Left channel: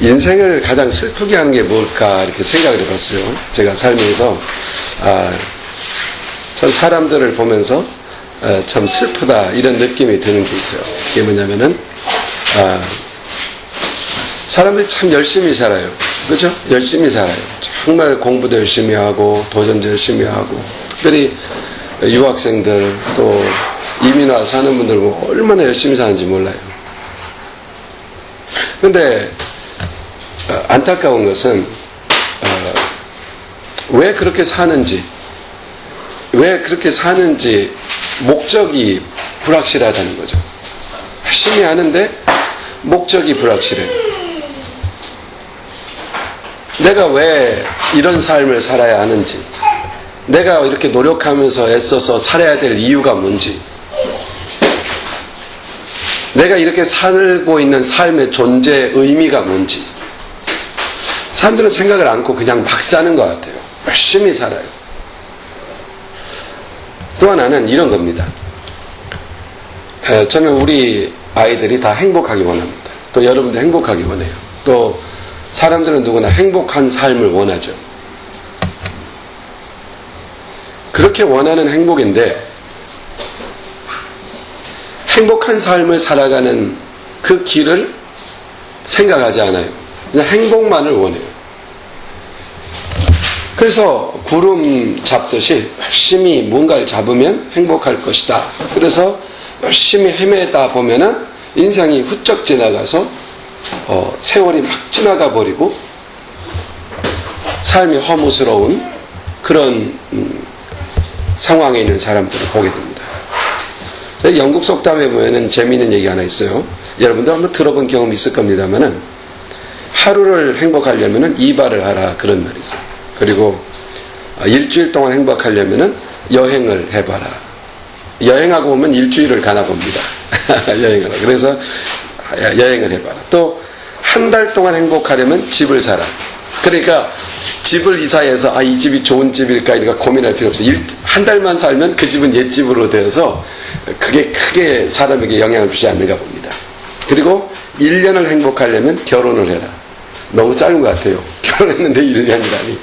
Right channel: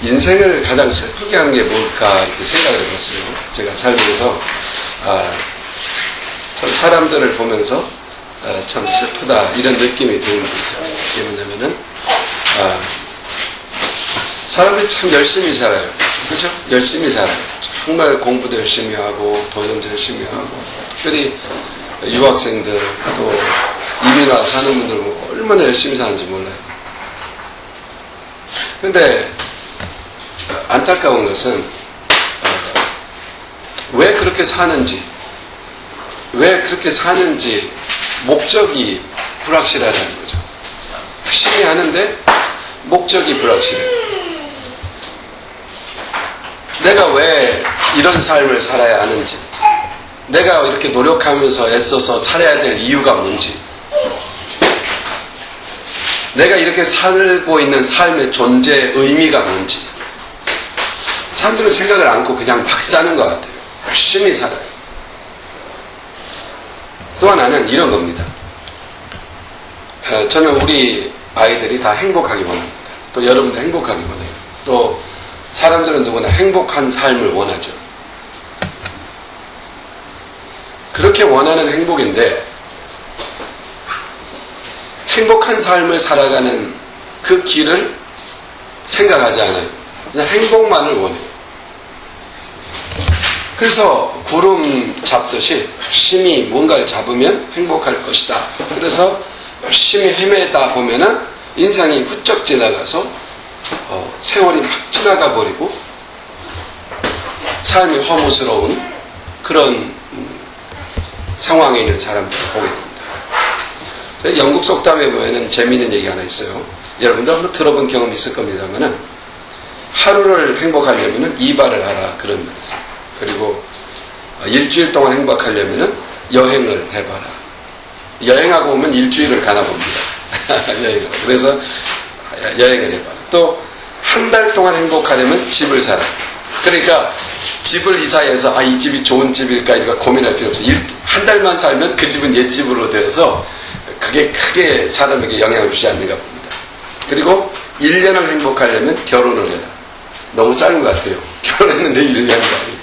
인생을 가장 슬프게 하는 게 뭘까 이렇게 생각을 해봤어요. 제가 살면서 참 사람들을 보면서 참 슬프다 이런 느낌이 드는 게 있어요. 그게 뭐냐면은 사람들이 참 열심히 살아요. 그렇죠? 열심히 살아요. 정말 공부도 열심히 하고 도전도 열심히 하고, 특별히 유학생들 또 이민 와서 사는 분들 보면 얼마나 열심히 사는지 몰라요. 근데 안타까운 것은 왜 그렇게 사는지, 목적이 불확실하다는 거죠. 열심히 하는데 목적이 불확실해요. 내가 왜 이런 삶을 살아야 하는지, 내가 이렇게 노력하면서 애써서 살아야 될 이유가 뭔지, 내가 이렇게 살고 있는 삶의 존재의 의미가 뭔지, 사람들은 생각을 않고 그냥 막 사는 것 같아요. 열심히 살아요. 또 하나는 이런 겁니다. 저는 우리 아이들이 다 행복하기 원합니다. 또 여러분도 행복하기 원해요. 또 사람들은 누구나 행복한 삶을 원하죠. 그렇게 원하는 행복인데, 행복한 삶을 살아가는 그 길을 생각하지 않아요. 그냥 행복만을 원해요. 그래서 구름 잡듯이 열심히 뭔가를 잡으면 행복할 것이다. 그래서 열심히 헤매다 보면은 인생이 훌쩍 지나가서 세월이 막 지나가 버리고 삶이 허무스러운 그런 상황에 있는 사람들을 보게 됩니다. 영국 속담에 보면은 재미있는 얘기 하나 있어요. 여러분도 한번 들어본 경험 있을 겁니다만은, 하루를 행복하려면은 이발을 하라, 그런 말이 있어요. 그리고 일주일 동안 행복하려면은 여행을 해봐라. 여행하고 오면 일주일을 가나 봅니다. 여행을. 그래서 여행을 해봐라. 또 한 달 동안 행복하려면 집을 사라. 그러니까 집을 이사해서 이 집이 좋은 집일까 이렇게 고민할 필요 없어요. 한 달만 살면 그 집은 옛집으로 되어서 그게 크게 사람에게 영향을 주지 않는가 봅니다. 그리고 1년을 행복하려면 결혼을 해라. 너무 짧은 것 같아요. 결혼했는데 1년이라니.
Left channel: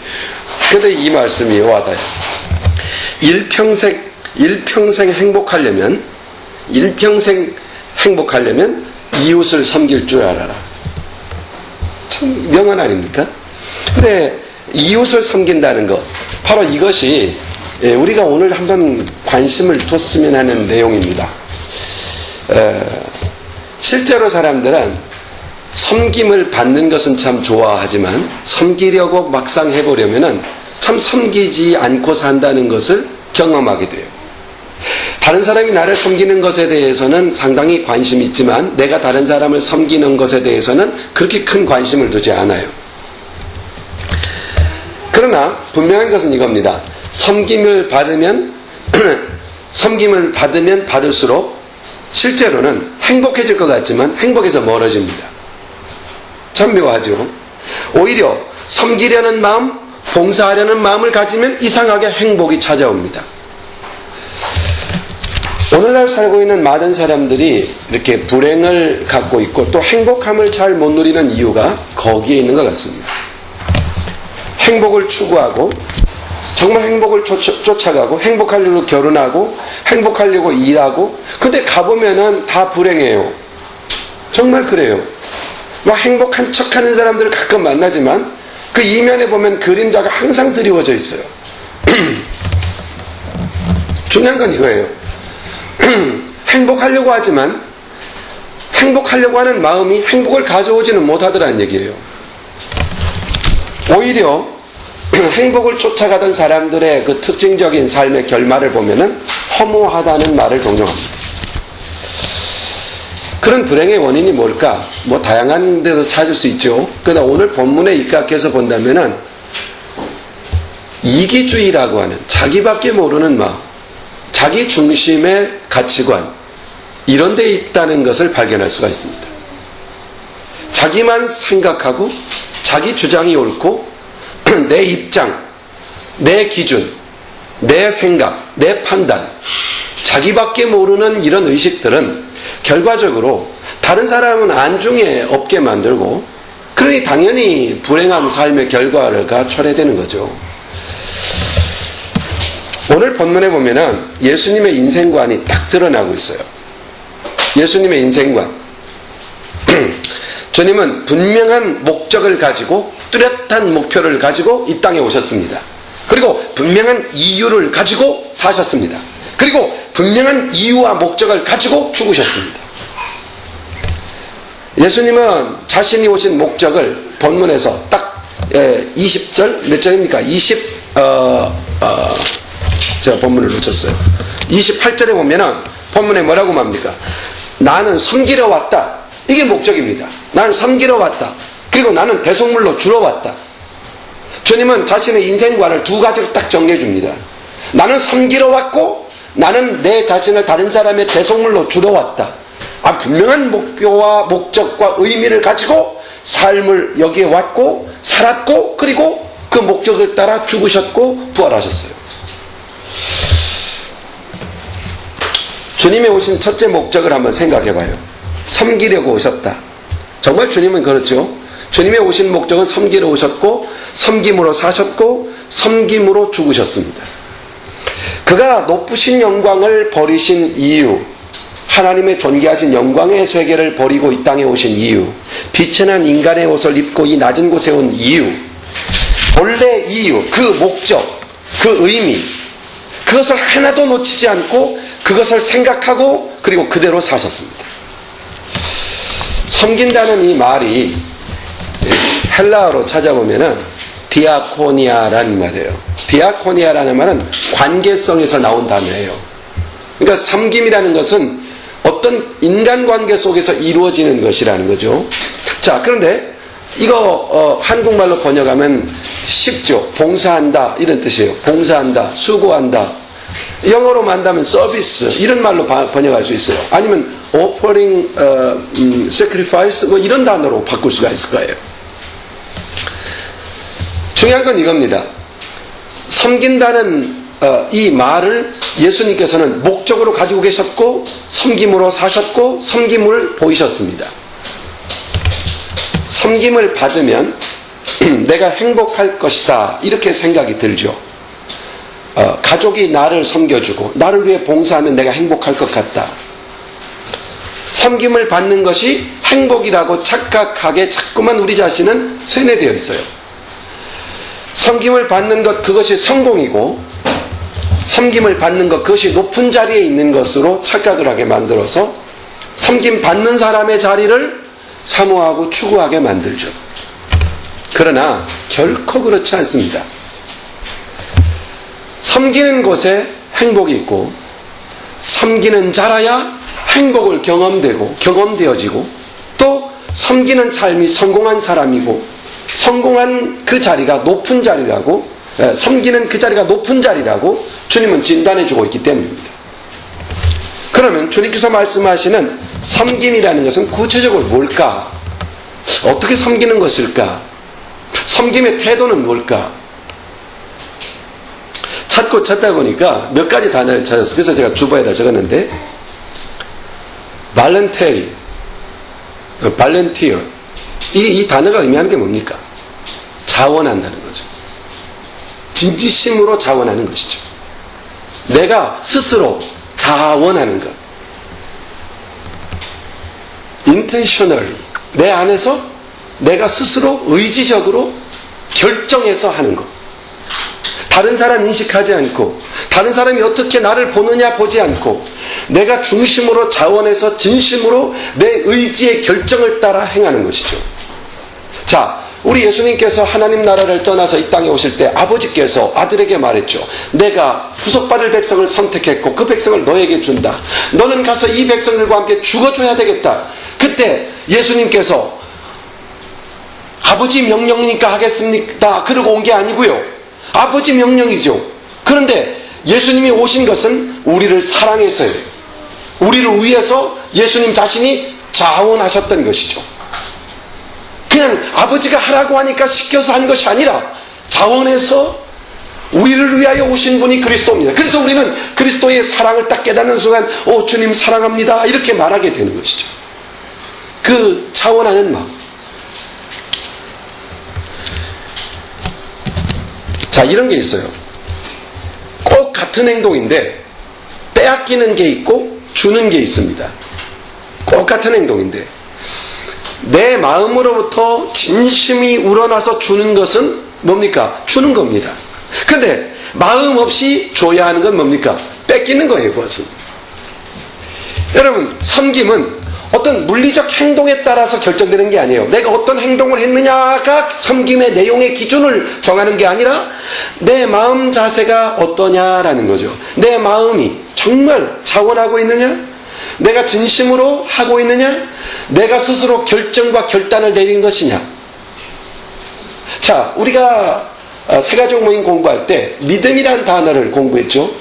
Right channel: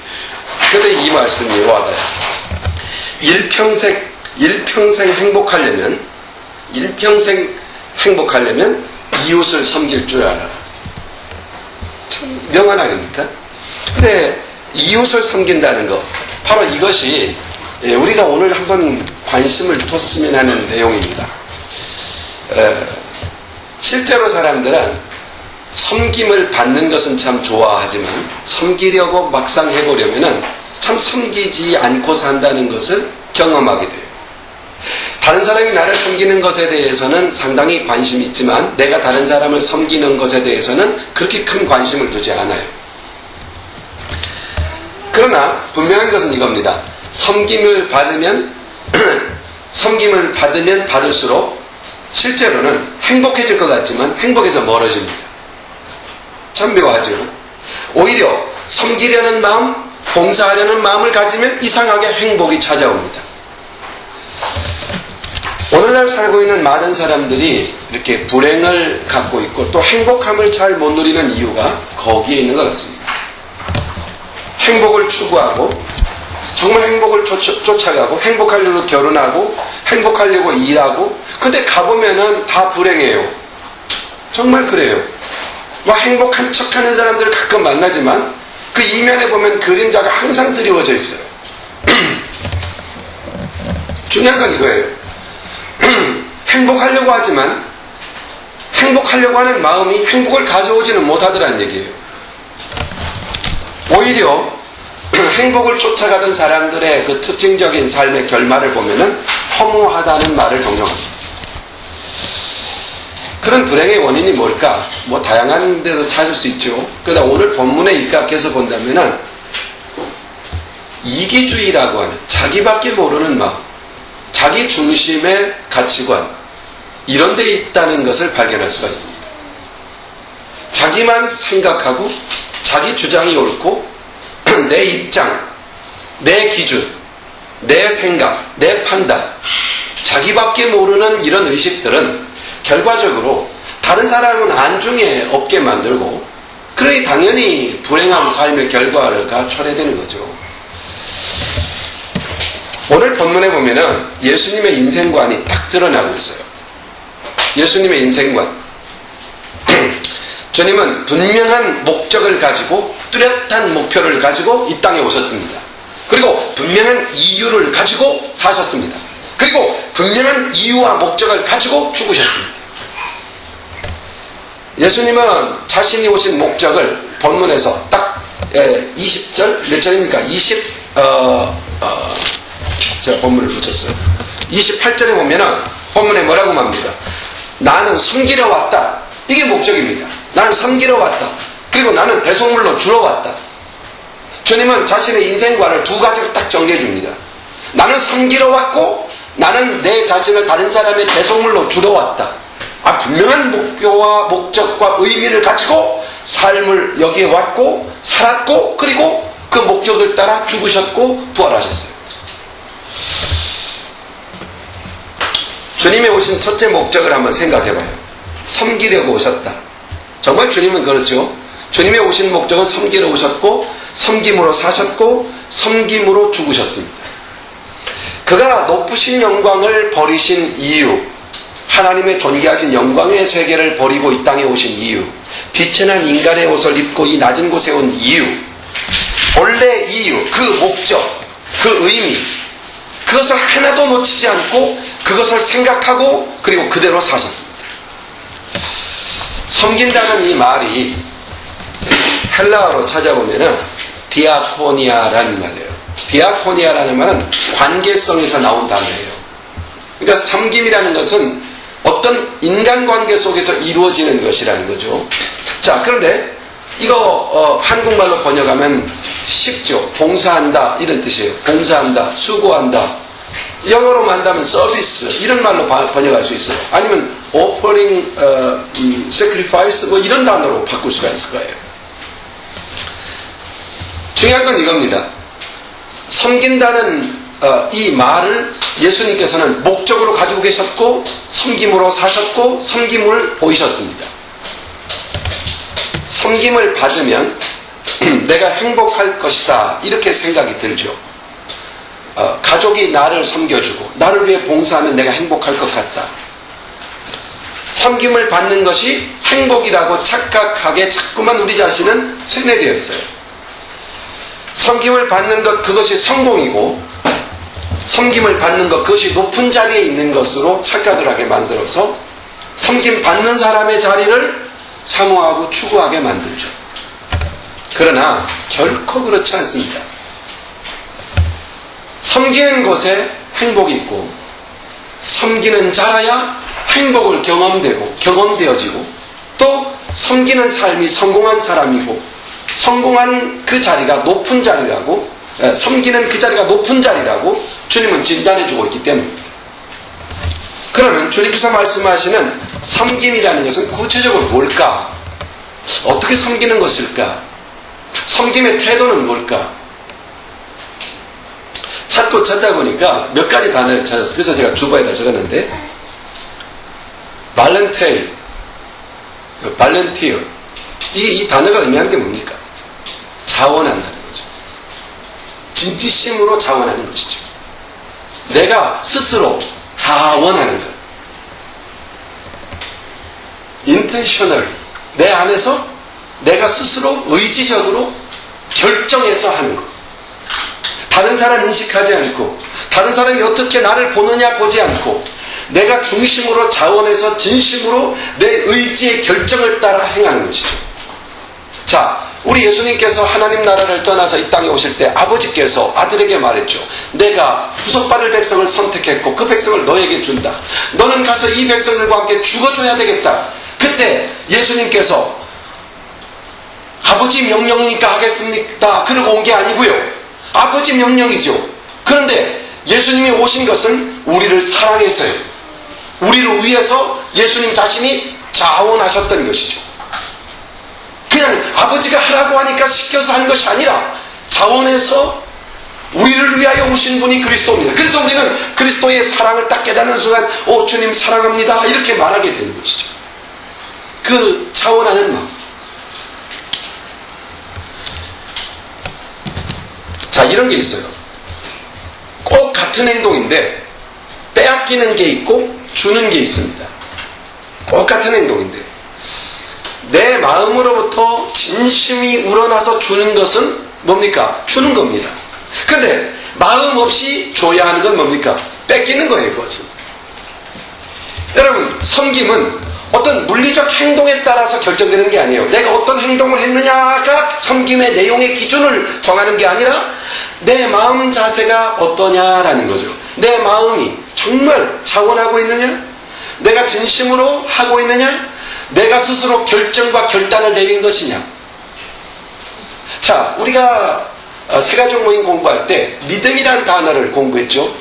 근데 이 말씀이 와닿아요. 일평생 행복하려면 이웃을 섬길 줄 알아라. 참 명언 아닙니까? 근데 이웃을 섬긴다는 것, 바로 이것이 우리가 오늘 한번 관심을 뒀으면 하는 내용입니다. 실제로 사람들은 섬김을 받는 것은 참 좋아하지만 섬기려고 막상 해보려면 참 섬기지 않고 산다는 것을 경험하게 돼요. 다른 사람이 나를 섬기는 것에 대해서는 상당히 관심이 있지만 내가 다른 사람을 섬기는 것에 대해서는 그렇게 큰 관심을 두지 않아요. 그러나 분명한 것은 이겁니다. 섬김을 받으면 받을수록 실제로는 행복해질 것 같지만 행복에서 멀어집니다. 참 묘하죠. 오히려 섬기려는 마음, 봉사하려는 마음을 가지면 이상하게 행복이 찾아옵니다. 오늘날 살고 있는 많은 사람들이 이렇게 불행을 갖고 있고 또 행복함을 잘 못 누리는 이유가 거기에 있는 것 같습니다. 행복을 추구하고 정말 행복을 쫓아가고 행복하려고 결혼하고 행복하려고 일하고, 근데 가보면은 다 불행해요. 정말 그래요. 행복한 척하는 사람들을 가끔 만나지만 그 이면에 보면 그림자가 항상 드리워져 있어요. 중요한 건 이거예요. 행복하려고 하지만 행복하려고 하는 마음이 행복을 가져오지는 못하더라는 얘기예요. 오히려 행복을 쫓아가던 사람들의 그 특징적인 삶의 결말을 보면은 허무하다는 말을 종종 합니다. 그런 불행의 원인이 뭘까? 다양한 데서 찾을 수 있죠. 그러나 오늘 본문에 입각해서 본다면은 이기주의라고 하는 자기밖에 모르는 마음, 자기 중심의 가치관, 이런 데 있다는 것을 발견할 수가 있습니다. 자기만 생각하고 자기 주장이 옳고 내 입장, 내 기준, 내 생각, 내 판단, 자기밖에 모르는 이런 의식들은 결과적으로 다른 사람은 안중에 없게 만들고 그러니 당연히 불행한 삶의 결과가 초래되는 거죠. 오늘 본문에 보면은 예수님의 인생관이 딱 드러나고 있어요. 예수님의 인생관. 주님은 분명한 목적을 가지고 뚜렷한 목표를 가지고 이 땅에 오셨습니다. 그리고 분명한 이유를 가지고 사셨습니다. 그리고 분명한 이유와 목적을 가지고 죽으셨습니다. 예수님은 자신이 오신 목적을 본문에서 딱 20절 몇 절입니까? 제가 본문을 놓쳤어요. 28절에 보면은 본문에 뭐라고 말합니까? 나는 섬기러 왔다. 이게 목적입니다. 나는 섬기러 왔다. 그리고 나는 대속물로 주러 왔다. 주님은 자신의 인생관을 두 가지로 딱 정리해 줍니다. 나는 섬기러 왔고 나는 내 자신을 다른 사람의 대속물로 주러 왔다. 분명한 목표와 목적과 의미를 가지고 삶을 여기에 왔고 살았고 그리고 그 목적을 따라 죽으셨고 부활하셨어요. 주님이 오신 첫째 목적을 한번 생각해 봐요. 섬기려고 오셨다. 정말 주님은 그렇죠. 주님의 오신 목적은 섬기러 오셨고 섬김으로 사셨고 섬김으로 죽으셨습니다. 그가 높으신 영광을 버리신 이유, 하나님의 존귀하신 영광의 세계를 버리고 이 땅에 오신 이유, 빛의 난 인간의 옷을 입고 이 낮은 곳에 온 이유, 본래 이유, 그 목적, 그 의미, 그것을 하나도 놓치지 않고 그것을 생각하고 그리고 그대로 사셨습니다. 섬긴다는 이 말이 헬라어로 찾아보면은 디아코니아라는 말이에요. 디아코니아라는 말은 관계성에서 나온 단어예요. 그러니까 섬김이라는 것은 어떤 인간관계 속에서 이루어지는 것이라는 거죠. 자, 그런데 이거 한국말로 번역하면 쉽죠. 봉사한다 이런 뜻이에요. 봉사한다, 수고한다. 영어로 만다면 서비스 이런 말로 번역할 수 있어요. 아니면 offering sacrifice 뭐 이런 단어로 바꿀 수가 있을 거예요. 중요한 건 이겁니다. 섬긴다는 이 말을 예수님께서는 목적으로 가지고 계셨고 섬김으로 사셨고 섬김을 보이셨습니다. 섬김을 받으면 내가 행복할 것이다 이렇게 생각이 들죠. 가족이 나를 섬겨주고 나를 위해 봉사하면 내가 행복할 것 같다. 섬김을 받는 것이 행복이라고 착각하게 자꾸만 우리 자신은 세뇌되어 있어요. 섬김을 받는 것 그것이 성공이고 섬김을 받는 것 그것이 높은 자리에 있는 것으로 착각을 하게 만들어서 섬김 받는 사람의 자리를 사모하고 추구하게 만들죠. 그러나 결코 그렇지 않습니다. 섬기는 곳에 행복이 있고 섬기는 자라야 행복을 경험되어지고 또 섬기는 삶이 성공한 사람이고 성공한 그 자리가 높은 자리라고 섬기는 그 자리가 높은 자리라고 주님은 진단해주고 있기 때문입니다. 그러면 주님께서 말씀하시는 섬김이라는 것은 구체적으로 뭘까? 어떻게 섬기는 것일까? 섬김의 태도는 뭘까? 찾다 보니까 몇 가지 단어를 찾았어요. 그래서 제가 주보에다 적었는데 발렌티어 이 단어가 의미하는 게 뭡니까? 자원한다는 거죠. 진지심으로 자원하는 것이죠. 내가 스스로 자원하는 것. intentionally 내 안에서 내가 스스로 의지적으로 결정해서 하는 것. 다른 사람 인식하지 않고 다른 사람이 어떻게 나를 보느냐 보지 않고 내가 중심으로 자원해서 진심으로 내 의지의 결정을 따라 행하는 것이죠. 자, 우리 예수님께서 하나님 나라를 떠나서 이 땅에 오실 때 아버지께서 아들에게 말했죠. 내가 구속받을 백성을 선택했고 그 백성을 너에게 준다. 너는 가서 이 백성들과 함께 죽어줘야 되겠다. 그때 예수님께서 아버지 명령이니까 하겠습니다 그러고 온 게 아니고요. 아버지 명령이죠. 그런데 예수님이 오신 것은 우리를 사랑해서요. 우리를 위해서 예수님 자신이 자원하셨던 것이죠. 그냥 아버지가 하라고 하니까 시켜서 한 것이 아니라 자원해서 우리를 위하여 오신 분이 그리스도입니다. 그래서 우리는 그리스도의 사랑을 딱 깨닫는 순간 오 주님 사랑합니다 이렇게 말하게 되는 것이죠. 그 자원하는 마음. 자, 이런 게 있어요. 꼭 같은 행동인데 빼앗기는 게 있고 주는 게 있습니다. 꼭 같은 행동인데 내 마음으로부터 진심이 우러나서 주는 것은 뭡니까? 주는 겁니다. 근데 마음 없이 줘야 하는 건 뭡니까? 뺏기는 거예요. 그것은. 여러분, 섬김은 어떤 물리적 행동에 따라서 결정되는 게 아니에요. 내가 어떤 행동을 했느냐가 섬김의 내용의 기준을 정하는 게 아니라 내 마음 자세가 어떠냐라는 거죠. 내 마음이 정말 자원하고 있느냐? 내가 진심으로 하고 있느냐? 내가 스스로 결정과 결단을 내린 것이냐? 자, 우리가 세가족 모임 공부할 때 믿음이라는 단어를 공부했죠.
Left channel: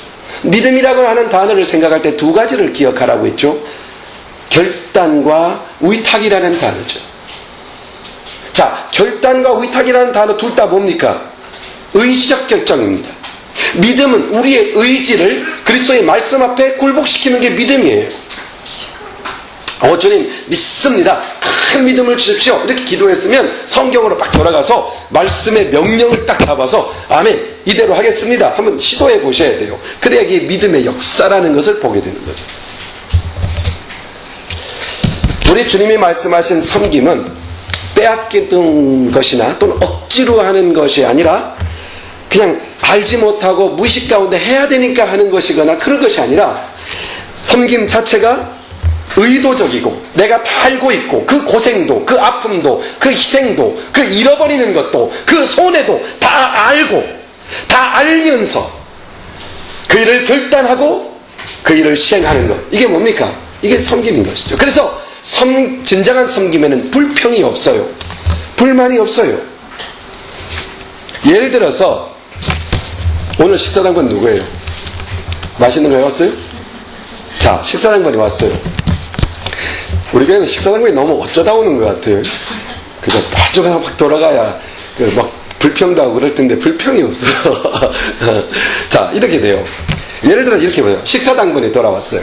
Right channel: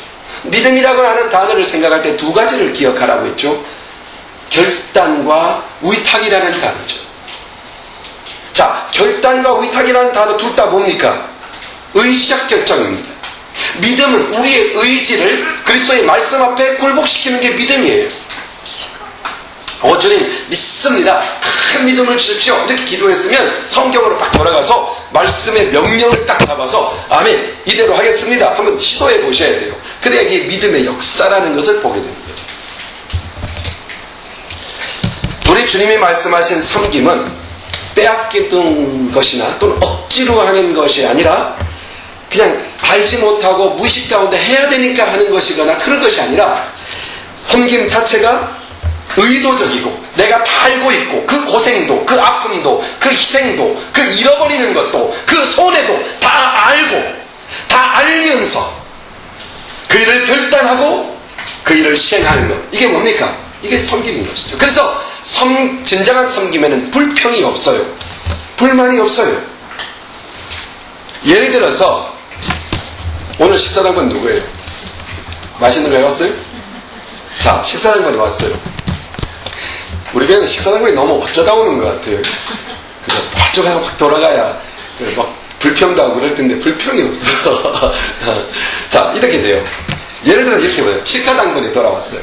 믿음이라고 하는 단어를 생각할 때 두 가지를 기억하라고 했죠. 결단과 위탁이라는 단어죠. 자, 결단과 위탁이라는 단어 둘 다 뭡니까? 의지적 결정입니다. 믿음은 우리의 의지를 그리스도의 말씀 앞에 굴복시키는 게 믿음이에요. 주님 믿습니다. 큰 믿음을 주십시오. 이렇게 기도했으면 성경으로 딱 돌아가서 말씀의 명령을 딱 잡아서 아멘 이대로 하겠습니다. 한번 시도해 보셔야 돼요. 그래야 이게 믿음의 역사라는 것을 보게 되는 거죠. 우리 주님이 말씀하신 섬김은 빼앗기던 것이나 또는 억지로 하는 것이 아니라 그냥 알지 못하고 무의식 가운데 해야 되니까 하는 것이거나 그런 것이 아니라 섬김 자체가 의도적이고 내가 다 알고 있고 그 고생도 그 아픔도 그 희생도 그 잃어버리는 것도 그 손해도 다 알고 다 알면서 그 일을 결단하고 그 일을 시행하는 것, 이게 뭡니까? 이게 섬김인 것이죠. 그래서 진정한 섬김에는 불평이 없어요. 불만이 없어요. 예를 들어서 오늘 식사당번 누구예요? 맛있는 거 해왔어요? 자, 식사당번이 왔어요. 우리 교회는 식사당번이 너무 어쩌다 오는 것 같아요. 그저 빠져가 막 돌아가야 막 불평도 하고 그럴 텐데 불평이 없어. 자, 이렇게 돼요. 예를 들어 이렇게 봐요. 식사당번이 돌아왔어요.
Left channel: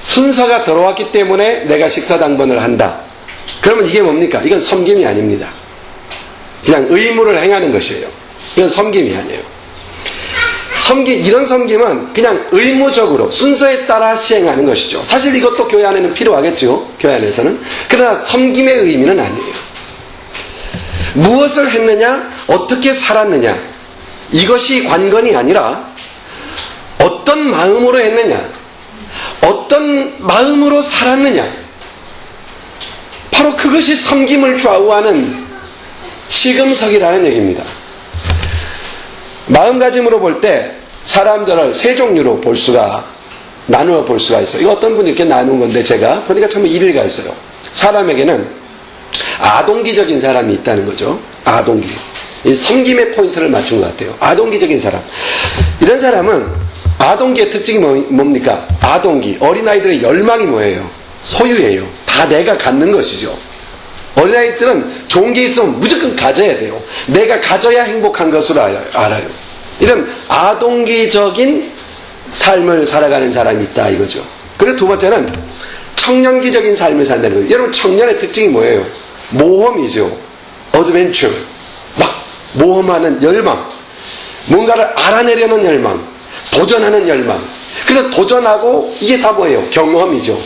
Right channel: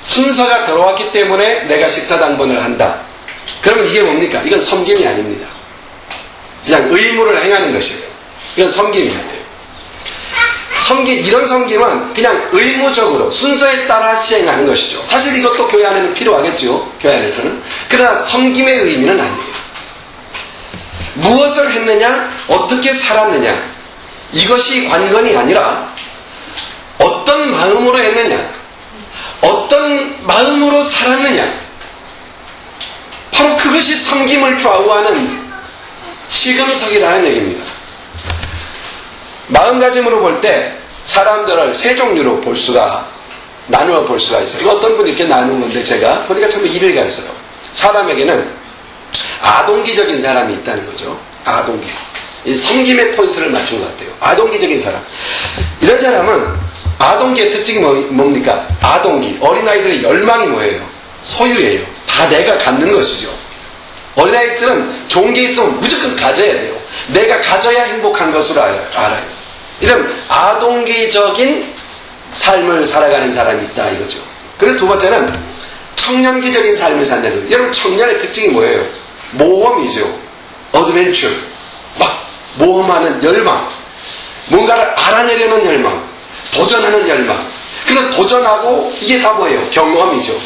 순서가 들어왔기 때문에 내가 식사당번을 한다. 그러면 이게 뭡니까? 이건 섬김이 아닙니다. 그냥 의무를 행하는 것이에요. 이건 섬김이 아니에요. 이런 섬김은 그냥 의무적으로 순서에 따라 시행하는 것이죠. 사실 이것도 교회 안에는 필요하겠죠. 교회 안에서는. 그러나 섬김의 의미는 아니에요. 무엇을 했느냐, 어떻게 살았느냐, 이것이 관건이 아니라 어떤 마음으로 했느냐, 어떤 마음으로 살았느냐, 바로 그것이 섬김을 좌우하는 시금석이라는 얘기입니다. 마음가짐으로 볼 때 사람들을 세 종류로 나누어 볼 수가 있어요. 이거 어떤 분이 이렇게 나눈 건데 제가 보니까 참 일리가 있어요. 사람에게는 아동기적인 사람이 있다는 거죠. 아동기. 이 섬김의 포인트를 맞춘 것 같아요. 아동기적인 사람. 이런 사람은 아동기의 특징이 뭡니까? 아동기. 어린아이들의 열망이 뭐예요? 소유예요. 다 내가 갖는 것이죠. 어린아이들은 좋은 게 있으면 무조건 가져야 돼요. 내가 가져야 행복한 것으로 알아요. 이런 아동기적인 삶을 살아가는 사람이 있다 이거죠. 그리고 두 번째는 청년기적인 삶을 산다는 거예요. 여러분, 청년의 특징이 뭐예요? 모험이죠. 어드벤처. 막 모험하는 열망. 뭔가를 알아내려는 열망. 도전하는 열망. 그래서 도전하고 이게 다 뭐예요? 경험이죠.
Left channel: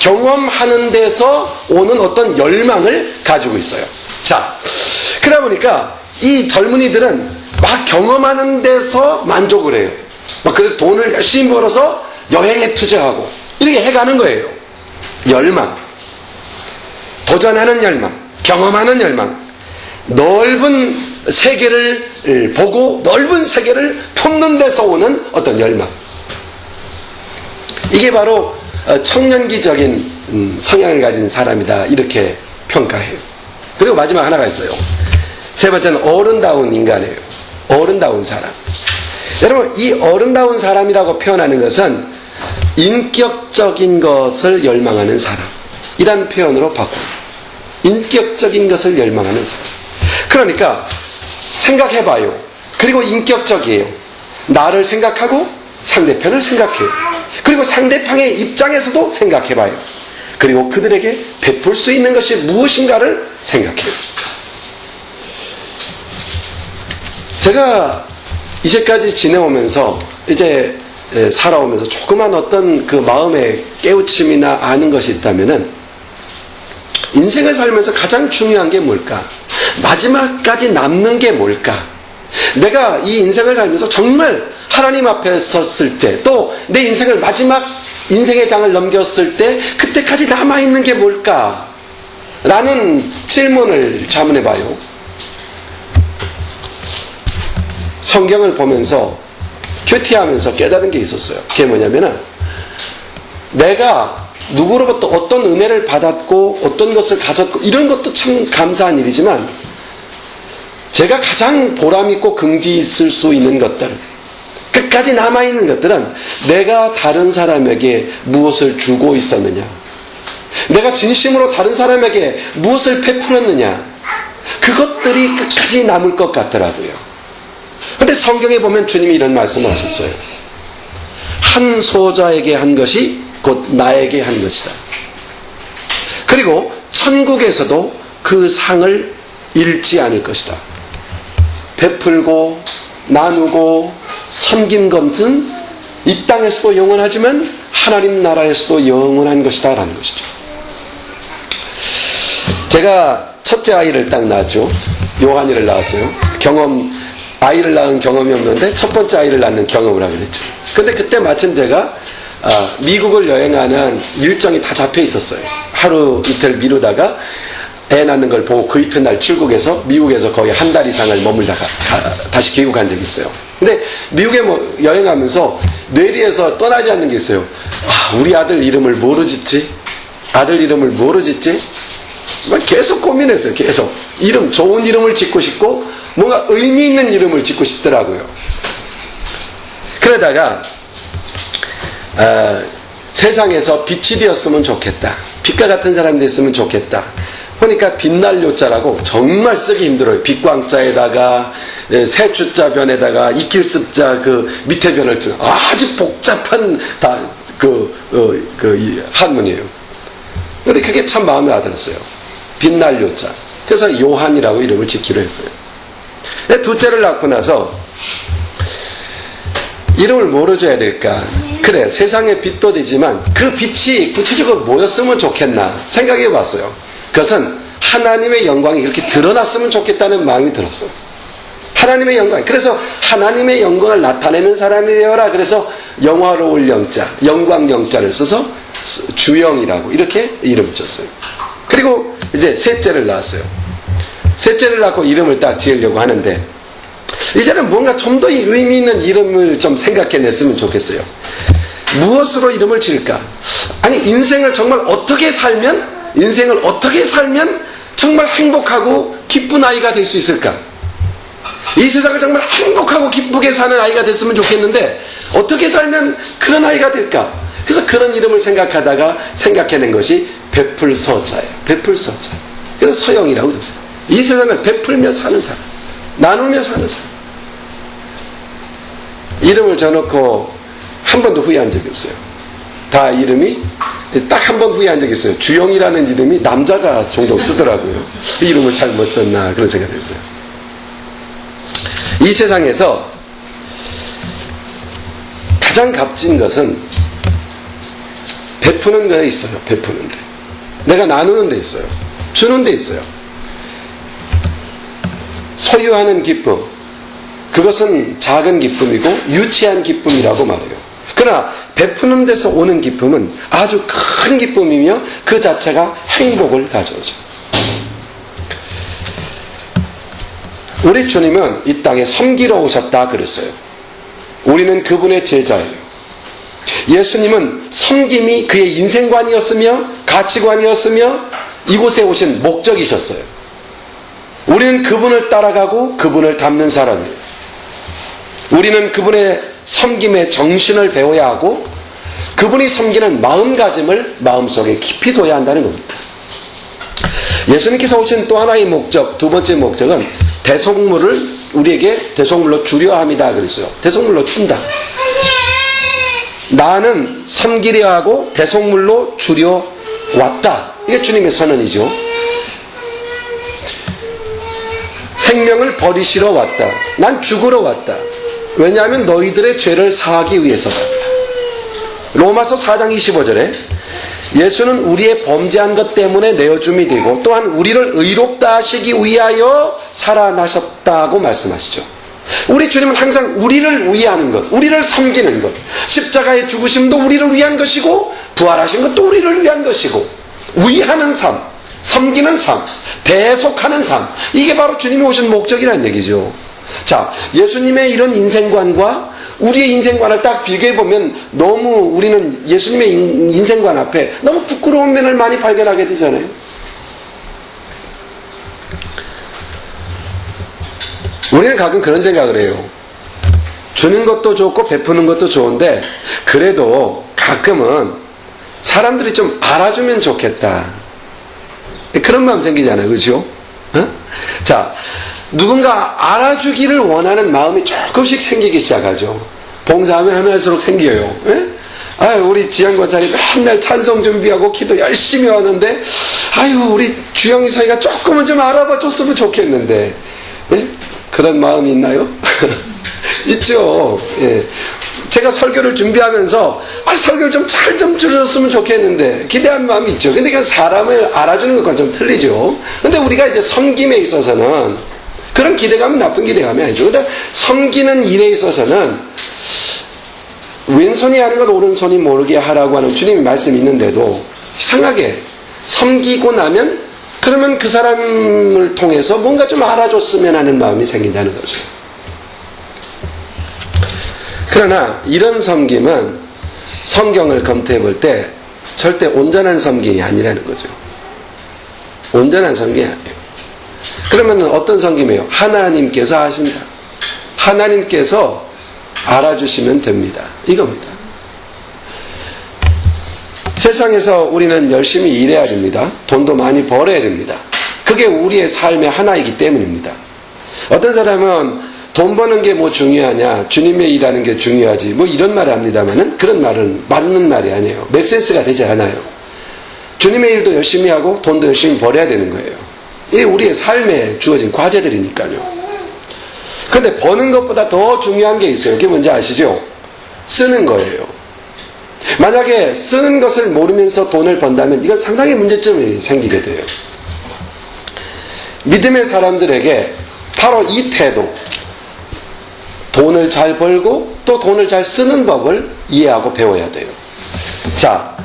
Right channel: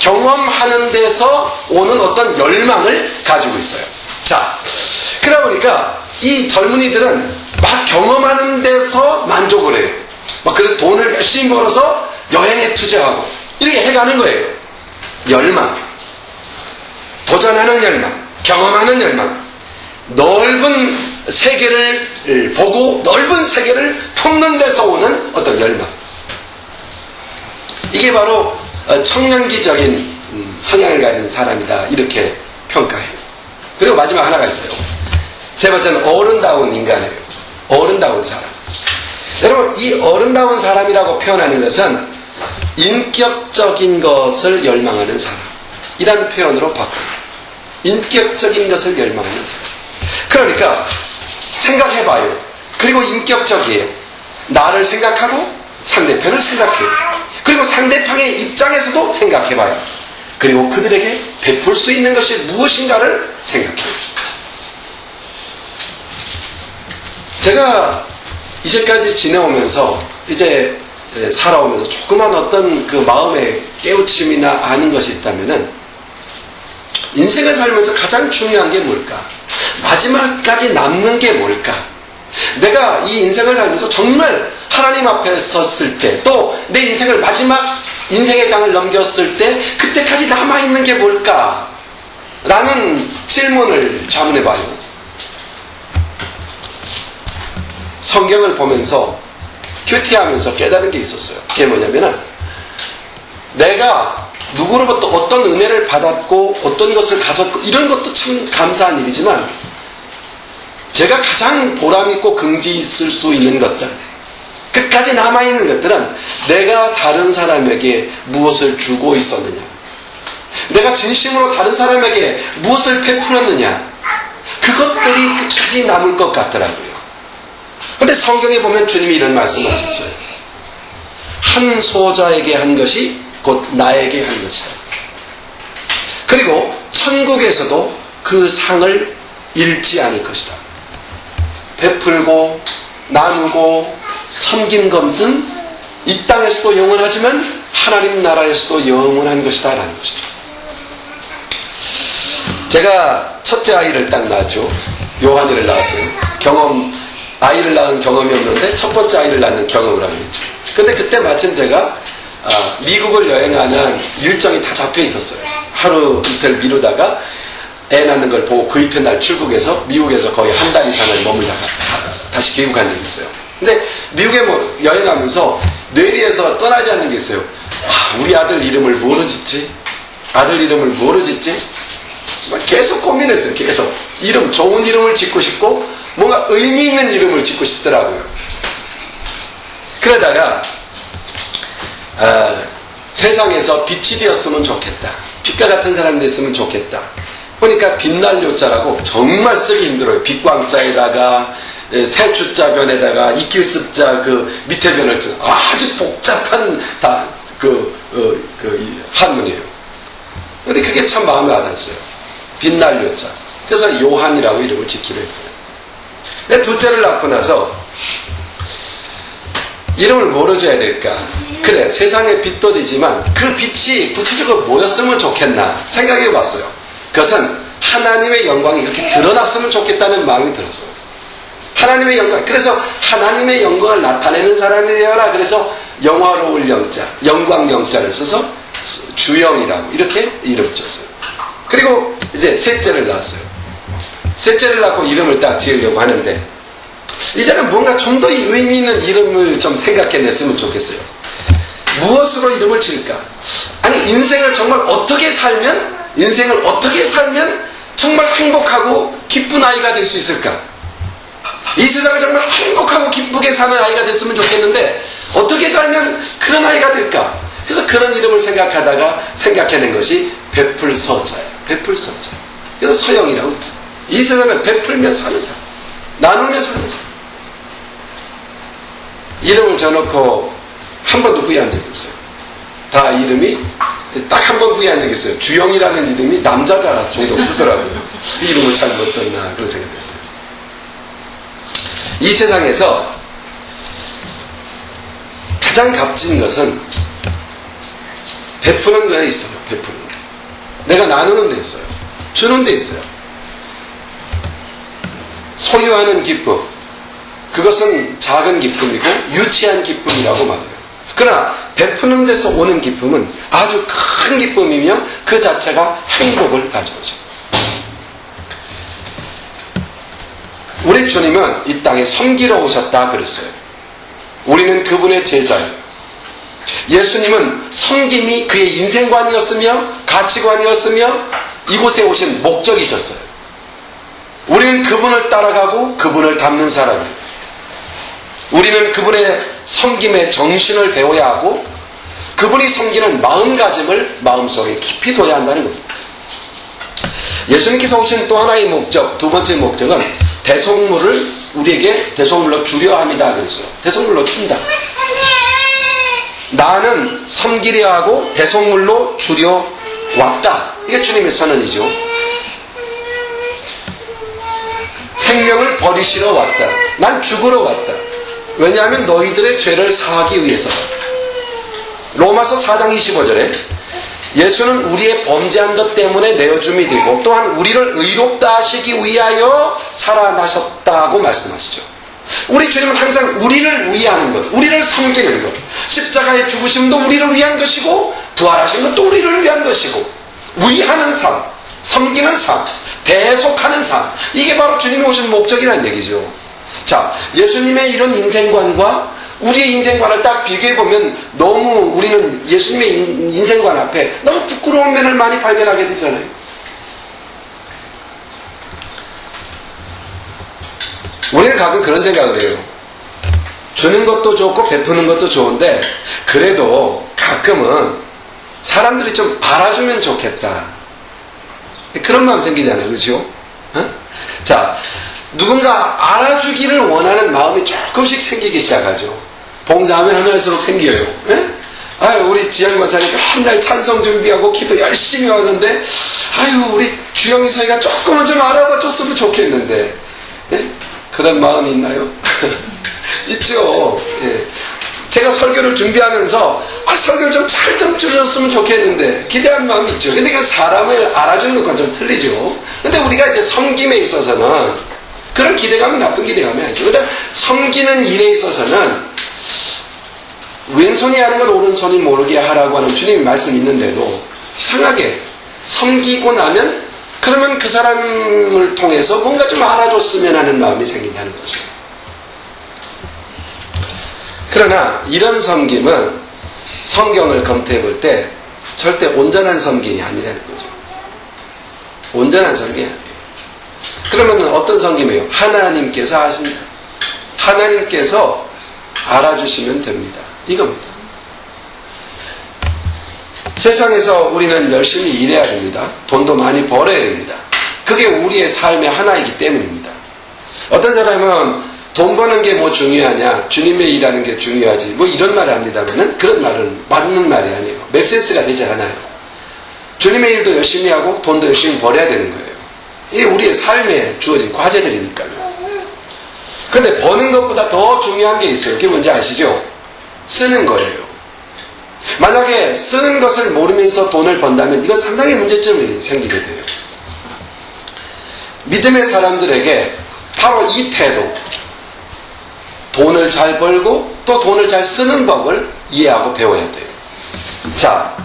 경험하는 데서 오는 어떤 열망을 가지고 있어요. 자, 그러다 보니까 이 젊은이들은 막 경험하는 데서 만족을 해요. 막 그래서 돈을 열심히 벌어서 여행에 투자하고 이렇게 해가는 거예요. 열망, 도전하는 열망, 경험하는 열망, 넓은 세계를 보고 넓은 세계를 품는 데서 오는 어떤 열망. 이게 바로 청년기적인 성향을 가진 사람이다 이렇게 평가해요. 그리고 마지막 하나가 있어요. 세 번째는 어른다운 인간이에요. 어른다운 사람. 여러분, 이 어른다운 사람이라고 표현하는 것은 인격적인 것을 열망하는 사람 이라는 표현으로 바꿔요. 인격적인 것을 열망하는 사람. 그러니까 생각해봐요. 그리고 인격적이에요. 나를 생각하고 상대편을 생각해요. 그리고 상대방의 입장에서도 생각해봐요. 그리고 그들에게 베풀 수 있는 것이 무엇인가를 생각해요. 제가 이제까지 지내오면서 이제 살아오면서 조그만 어떤 그 마음의 깨우침이나 아는 것이 있다면은 인생을 살면서 가장 중요한 게 뭘까? 마지막까지 남는 게 뭘까? 내가 이 인생을 살면서 정말 하나님 앞에 섰을 때, 또 내 인생을 마지막 인생의 장을 넘겼을 때 그때까지 남아있는 게 뭘까? 라는 질문을 자문해봐요. 성경을 보면서 큐티하면서 깨달은 게 있었어요. 그게 뭐냐면은 내가 누구로부터 어떤 은혜를 받았고 어떤 것을 가졌고 이런 것도 참 감사한 일이지만 제가 가장 보람있고 긍지 있을 수 있는 것들, 끝까지 남아있는 것들은 내가 다른 사람에게 무엇을 주고 있었느냐, 내가 진심으로 다른 사람에게 무엇을 베풀었느냐, 그것들이 끝까지 남을 것 같더라고요. 근데 성경에 보면 주님이 이런 말씀을 하셨어요. 한 소자에게 한 것이 곧 나에게 한 것이다. 그리고 천국에서도 그 상을 잃지 않을 것이다. 베풀고 나누고 섬긴 것은 이 땅에서도 영원하지만 하나님 나라에서도 영원한 것이다 라는 것이죠. 제가 첫째 아이를 딱 낳았죠. 요한이를 낳았어요. 아이를 낳은 경험이 없는데 첫 번째 아이를 낳는 경험을 하게 됐죠. 근데 그때 마침 제가 미국을 여행하는 일정이 다 잡혀 있었어요. 하루 이틀 미루다가 애 낳는 걸 보고 그 이튿날 출국해서 미국에서 거의 한 달 이상을 머물다가 다시 귀국한 적이 있어요. 근데 미국에 여행하면서 뇌리에서 떠나지 않는 게 있어요. 우리 아들 이름을 뭐로 짓지? 아들 이름을 뭐로 짓지? 계속 고민했어요. 계속 좋은 이름을 짓고 싶고 뭔가 의미 있는 이름을 짓고 싶더라고요. 그러다가 세상에서 빛이 되었으면 좋겠다, 빛과 같은 사람이 됐으면 좋겠다 보니까 빛날 요자라고 정말 쓰기 힘들어요. 빛광자에다가 세추자 변에다가 이킬습자 그 밑에 변을 쓰는 아주 복잡한 한문이에요. 근데 그게 참 마음에 와닿았어요. 빛날 요자. 그래서 요한이라고 이름을 짓기로 했어요. 둘째를 낳고 나서 이름을 뭐로 줘야 될까? 그래, 세상의 빛도 되지만 그 빛이 구체적으로 뭐였으면 좋겠나 생각해 봤어요. 그것은 하나님의 영광이 이렇게 드러났으면 좋겠다는 마음이 들었어요. 하나님의 영광. 그래서 하나님의 영광을 나타내는 사람이 되어라. 그래서 영화로울 영자, 영광 영자를 써서 주영이라고 이렇게 이름을 줬어요. 그리고 이제 셋째를 낳았어요. 셋째를 낳고 이름을 딱 지으려고 하는데 이제는 뭔가 좀 더 의미 있는 이름을 좀 생각해냈으면 좋겠어요. 무엇으로 이름을 지을까? 아니, 인생을 어떻게 살면 정말 행복하고 기쁜 아이가 될 수 있을까? 이 세상을 정말 행복하고 기쁘게 사는 아이가 됐으면 좋겠는데 어떻게 살면 그런 아이가 될까? 그래서 그런 이름을 생각해낸 것이 베풀서자예요. 베풀서자. 그래서 서영이라고 그랬어요. 이 세상을 베풀며 사는 사람, 나누며 사는 사람. 이름을 져놓고 한 번도 후회한 적이 없어요. 다 이름이 딱 한 번 후회한 적이 있어요. 주영이라는 이름이 남자가 종종 쓰더라고요. 이름을 잘 못 졌나 그런 생각을 했어요. 이 세상에서 가장 값진 것은 베푸는 데 있어요. 베푸는 데. 내가 나누는 데 있어요. 주는 데 있어요. 소유하는 기쁨, 그것은 작은 기쁨이고 유치한 기쁨이라고 말해요. 그러나 베푸는 데서 오는 기쁨은 아주 큰 기쁨이며 그 자체가 행복을 가져오죠. 우리 주님은 이 땅에 섬기러 오셨다 그랬어요. 우리는 그분의 제자예요. 예수님은 섬김이 그의 인생관이었으며 가치관이었으며 이곳에 오신 목적이셨어요. 우리는 그분을 따라가고 그분을 닮는 사람이에요. 우리는 그분의 섬김의 정신을 배워야 하고 그분이 섬기는 마음가짐을 마음속에 깊이 둬야 한다는 겁니다. 예수님께서 오신 또 하나의 목적, 두 번째 목적은 대속물을 우리에게 대속물로 주려 합니다 그랬어요. 대속물로 준다. 나는 섬기려 하고 대속물로 주려 왔다. 이게 주님의 선언이죠. 생명을 버리시러 왔다. 난 죽으러 왔다. 왜냐하면 너희들의 죄를 사하기 위해서다. 로마서 4장 25절에 예수는 우리의 범죄한 것 때문에 내어줌이 되고 또한 우리를 의롭다 하시기 위하여 살아나셨다고 말씀하시죠. 우리 주님은 항상 우리를 위하는 것, 우리를 섬기는 것, 십자가의 죽으심도 우리를 위한 것이고 부활하신 것도 우리를 위한 것이고, 위하는 삶, 섬기는 삶, 대속하는 삶, 이게 바로 주님이 오신 목적이라는 얘기죠. 자, 예수님의 이런 인생관과 우리의 인생관을 딱 비교해보면 너무 우리는 예수님의 인생관 앞에 너무 부끄러운 면을 많이 발견하게 되잖아요. 우리는 가끔 그런 생각을 해요. 주는 것도 좋고 베푸는 것도 좋은데 그래도 가끔은 사람들이 좀 알아주면 좋겠다, 그런 마음 생기잖아요. 그렇죠? 자, 누군가 알아주기를 원하는 마음이 조금씩 생기기 시작하죠. 봉사하면 할수록 생겨요. 예? 아유, 우리 지영 권사님 맨날 찬송 준비하고 기도 열심히 하는데, 아유, 우리 주영이 사이가 조금은 좀 알아봐 줬으면 좋겠는데, 예? 그런 마음이 있나요? 있죠. 예. 제가 설교를 준비하면서 설교를 좀 잘 좀 들었으면 좋겠는데 기대한 마음이 있죠. 근데 그건 사람을 알아주는 것과 좀 틀리죠. 근데 우리가 이제 섬김에 있어서는 그런 기대감은 나쁜 기대감이 아니죠. 근데 섬기는 일에 있어서는 왼손이 하는 걸 오른손이 모르게 하라고 하는 주님의 말씀이 있는데도 이상하게 섬기고 나면 그러면 그 사람을 통해서 뭔가 좀 알아줬으면 하는 마음이 생긴다는 거죠. 그러나 이런 섬김은 성경을 검토해 볼 때 절대 온전한 섬김이 아니라는 거죠. 온전한 섬김이 아니에요. 그러면 어떤 섬김이에요? 하나님께서 하신다. 하나님께서 알아주시면 됩니다. 이겁니다. 세상에서 우리는 열심히 일해야 됩니다. 돈도 많이 벌어야 됩니다. 그게 우리의 삶의 하나이기 때문입니다. 어떤 사람은 돈 버는 게 뭐 중요하냐, 주님의 일하는 게 중요하지, 뭐 이런 말을 합니다만은 그런 말은 맞는 말이 아니에요. 맥센스가 되지 않아요. 주님의 일도 열심히 하고 돈도 열심히 벌어야 되는 거예요. 이게 우리의 삶에 주어진 과제들이니까요. 근데 버는 것보다 더 중요한 게 있어요. 그게 뭔지 아시죠? 쓰는 거예요. 만약에 쓰는 것을 모르면서 돈을 번다면 이건 상당히 문제점이 생기게 돼요. 믿음의 사람들에게 바로 이 태도, 돈을 잘 벌고 또 돈을 잘 쓰는 법을 이해하고 배워야 돼요. 자,